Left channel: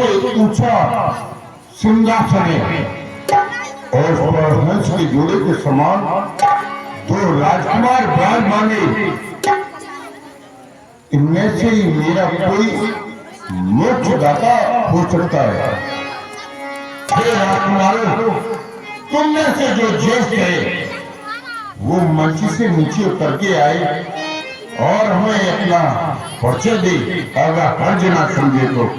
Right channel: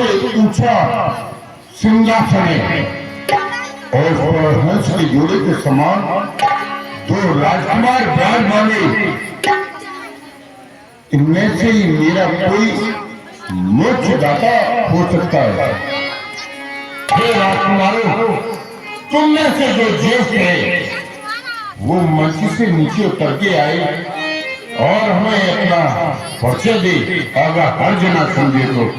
सबसे ऊंचा सिंहासन है और हंस के जोड़े के समान दो राजकुमार विराजमान। इनमें से ही मेरा कोई मोक्षदाता हो सकता है। हे राजकुमारों, तुम में से जो ज्येष्ठ है वो मंच से नीचे उतर के आए और हमें अपना परिचय दे। अगर हर जना समझे तो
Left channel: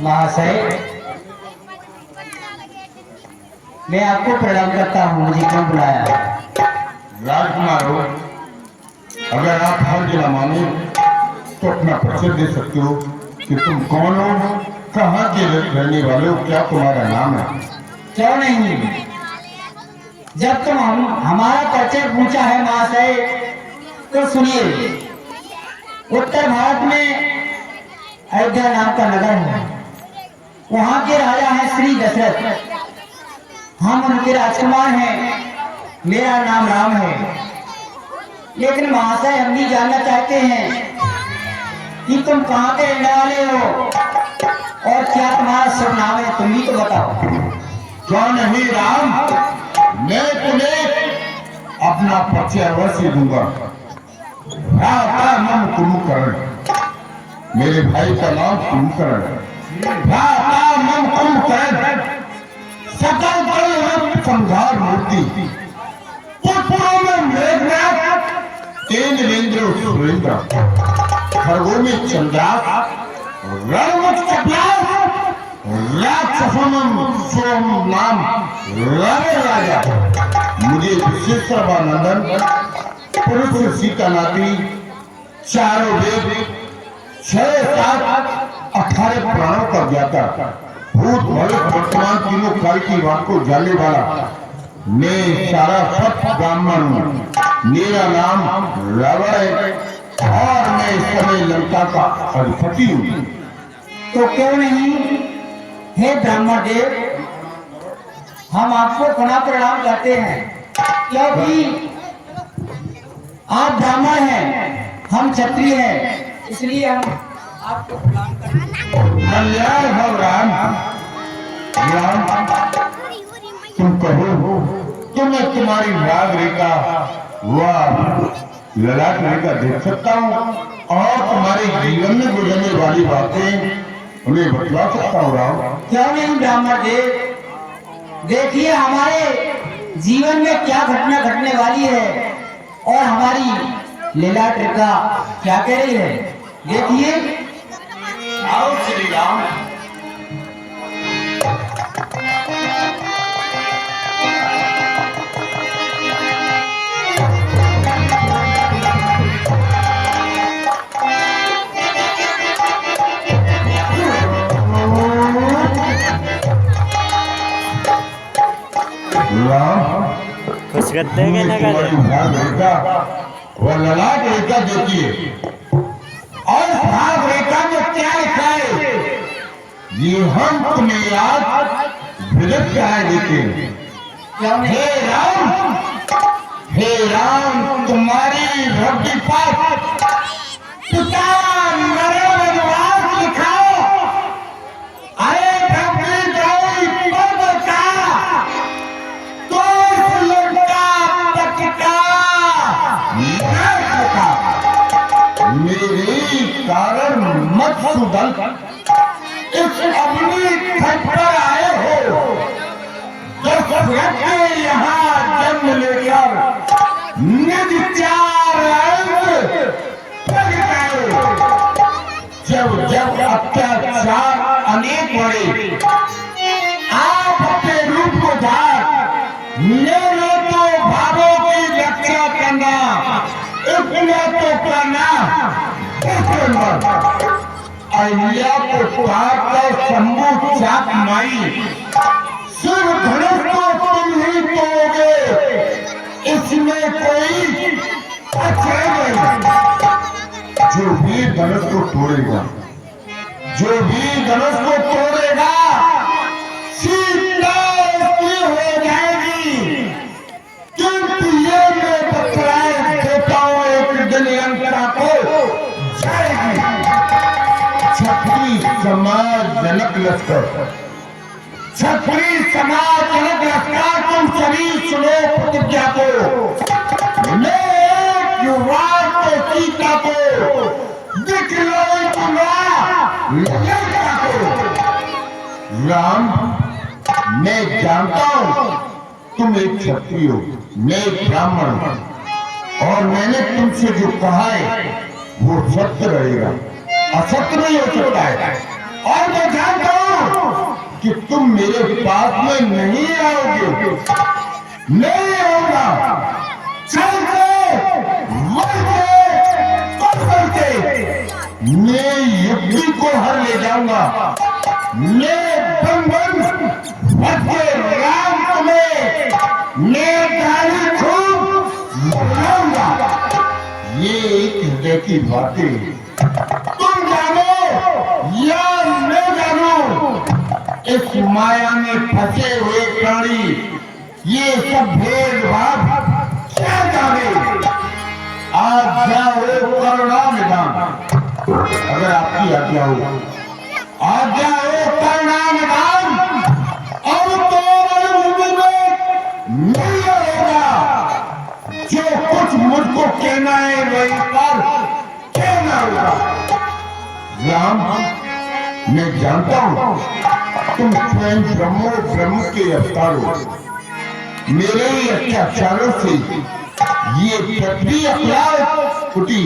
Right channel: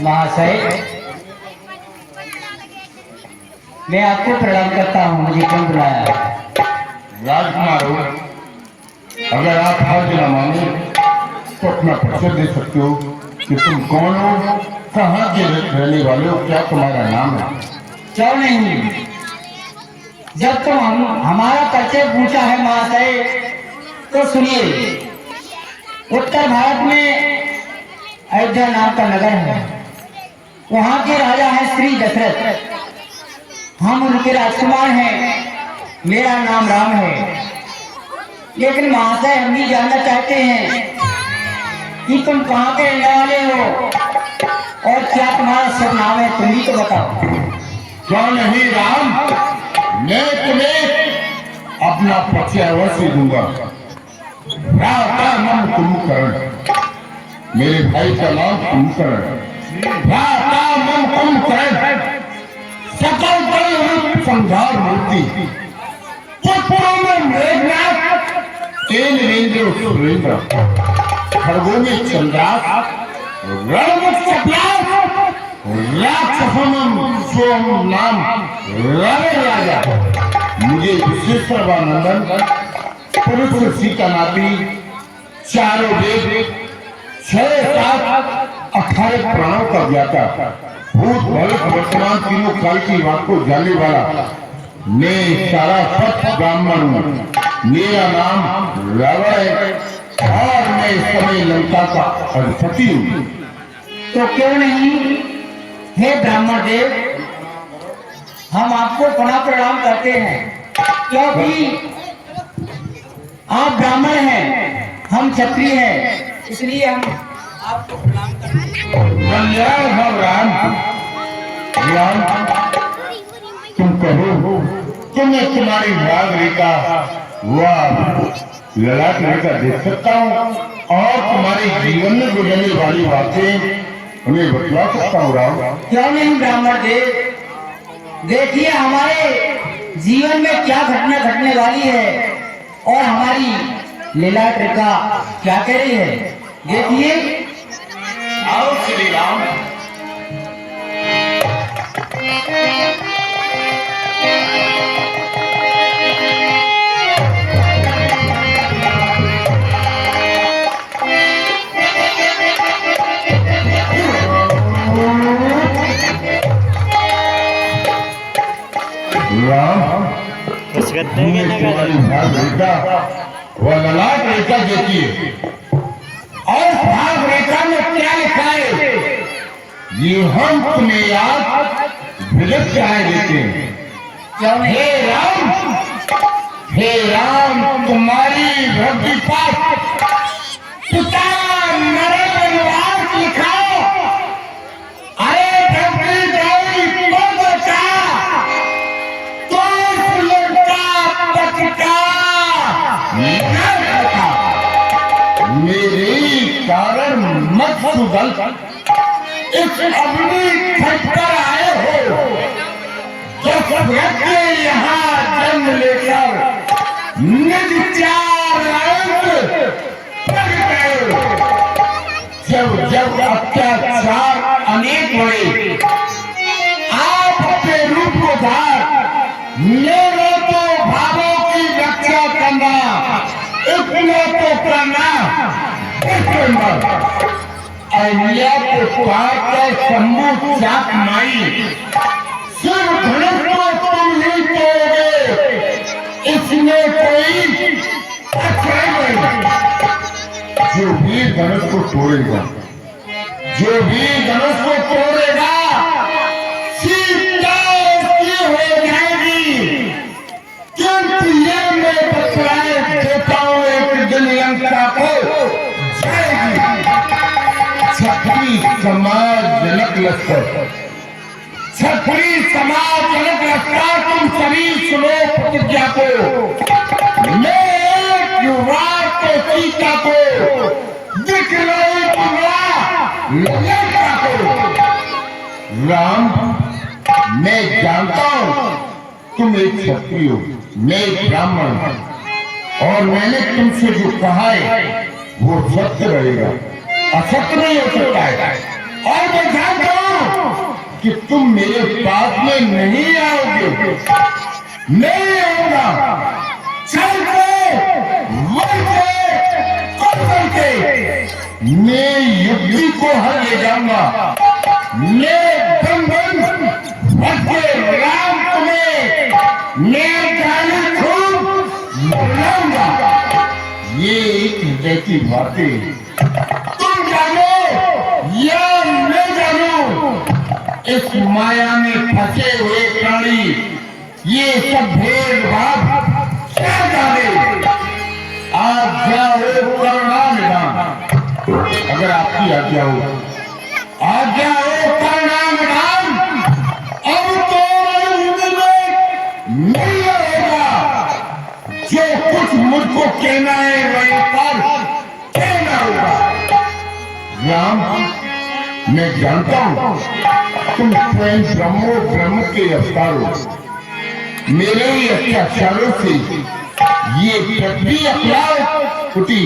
महाशय, मैं आपको प्रणाम करता हूँ। मुझे क्यों बुलाया? राजकुमारों, अगर आप हर जना मांगे तो अपना परिचय दे सकते हो कि तुम कौन हो, कहाँ के रहने वाले हो, क्या तुम्हारा नाम है? क्यों नहीं? जब तुम हमारा परिचय पूछा है महाशय, तो सुनिए। उत्तर भारत में अयोध्या नाम का नगर है। वहाँ के राजा हैं श्री दशरथ। हम उनके राजकुमार हैं। मेरा नाम राम है। लेकिन महाशय, हम भी जानना चाहते हैं कि तुम कहाँ के रहने वाले हो और क्या तुम्हारा शुभ नाम है। तुम भी तो बताओ। क्या नहीं राम, मैं तुम्हें अपना परिचय अवश्य दूंगा। भ्राता नाम कुंभकर्ण, मेरे भाई का नाम कुंभकर्ण। भ्राता नाम कुंभकर्ण, सकल बल संहार मूर्ति, पुत्रों में मेघनाथ, तेन रेंद्र सुरेंद्र, खरगों में चंद्रास, रणमुख कपिलास, राक्षसों सोम नाम रावण राजा। मुझे विशेषरवानंदन, पुरुष सीता नाती, चारों वेद, 6 7 18 प्राणों का ज्ञाता, भूत भविष्य वर्तमान तीनों काल की बात को जानने वाला मैं सारा सत्य ब्राह्मण हूँ। मेरा नाम रावण है और मैं इस समय लंका का अधिपति हूँ। तो क्यों नहीं, हे ब्राह्मण देव, हम आपको पुनः प्रणाम करते हैं, क्योंकि आप ब्राह्मण हैं, हम क्षत्रिय हैं, इसलिए हम आपको प्रणाम करते हैं। कल्याण हो राम। राम, तुम कहो कि मैं तुम्हारी नाग रेखा व ललाट रेखा देख सकता हूँ और तुम्हारे जीवन में गुजरने वाली बातें उन्हें बतला सकता हूँ राम। क्यों नहीं ब्राह्मण देव, देखिए हमारे जीवन में क्या घटना घटने वाली है और हमारी लीला रेखा क्या कह रही है। देखिए। आओ श्री राम। कुछ करते हैं ना रेखा वह ललाट रेखा देखिए और भाग रेखा में क्या लिखा है ये हम तुम्हें आज विलप चाहे देते हैं। हे राम, तुम्हारी भक्ति पाठ पिता मरे वनवास लिखाओ। अरे भक्ति गई पर बचा तो लंका पटका मेरे कारण मत सुधर। इस अग्नि थक आए हो जो व्यक्ति यहाँ जन्म लेकर निज चार जब जब अत्याचार अनेक हुए आप अपने रूप को धार लेना तो भावों की रक्षा करना, इतना तो करना अहिल्या को पार कर शंभु चाप माई सिर्फ धनुष को तुम ही तोड़ोगे, इसमें कोई अच्छा नहीं। जो भी धनुष को तोड़ेगा, जो भी धनुष को तोड़ेगा सीता उसकी हो जाएगी। क्योंकि ये मैं बतलाए देता हूं, एक दिन लंका को जाएगी। छत्री समाज जनक लश्कर, छत्री समाज जनक लश्कर, तुम सभी सुनो प्रतिज्ञा को। मैं एक युवा को सीता को दिखलाई दूंगा लंका को। राम, मैं जानता हूं तुम एक क्षत्रिय हो, मैं एक ब्राह्मण हूं, और मैंने तुमसे जो कहा है वो सत्य रहेगा, असत्य नहीं हो सकता है। और मैं जानता हूं कि तुम मेरे पास में नहीं आओगे, नहीं आऊंगा। चल के मर के कौशल के मैं युद्धि को हर ले जाऊंगा। मैं बंधन भटके राम तुम्हें मैं गाली खूब बुलाऊंगा। ये एक हृदय की बातें तुम जानो या मैं जानूं, इस माया में फंसे हुए प्राणी ये सब भेदभाव क्या जाने। आज जाओ करुणा निधान, अगर आपकी आज्ञा हो, आज्ञा हो करुणा निधान। अब तो उम्र में नहीं होगा, जो कुछ मुझको कहना है वही पर कहना होगा। राम, मैं जानता हूं तुम स्वयं ब्रह्म के अवतार हो। मेरे ही अत्याचारों से ये पृथ्वी अखिलार उठी।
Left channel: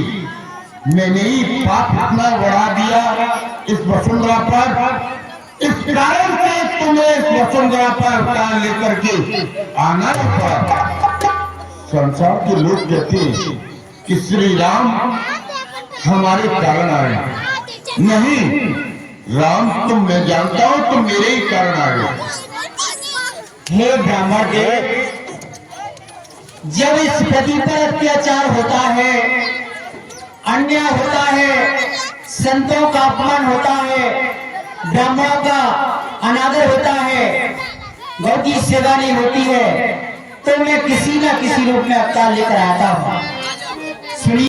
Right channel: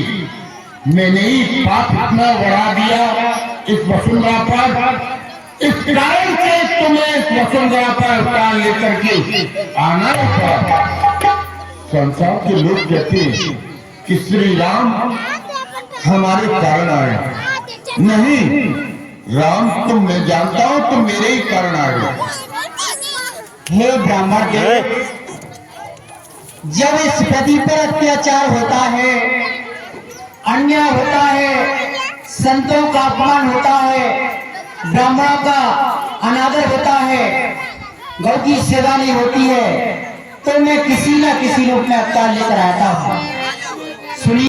मैंने ही पाप इतना बढ़ा दिया इस वसुंधरा पर। इस कारण से तुम्हें इस वसुंधरा पर अवतार लेकर के आना ही पड़ा। संसार के लोग कहते हैं कि श्री राम हमारे कारण आए, नहीं राम, तुम मैं जानता हूं तुम मेरे ही कारण आए। हे ब्राह्मण देव, जब इस पृथ्वी पर अत्याचार होता है, अन्याय होता है, संतों का अपमान होता है, ब्राह्मणों का अनादर होता है, गौ की सेवा नहीं होती है, तो मैं किसी न किसी रूप में अवतार लेकर आता हूं।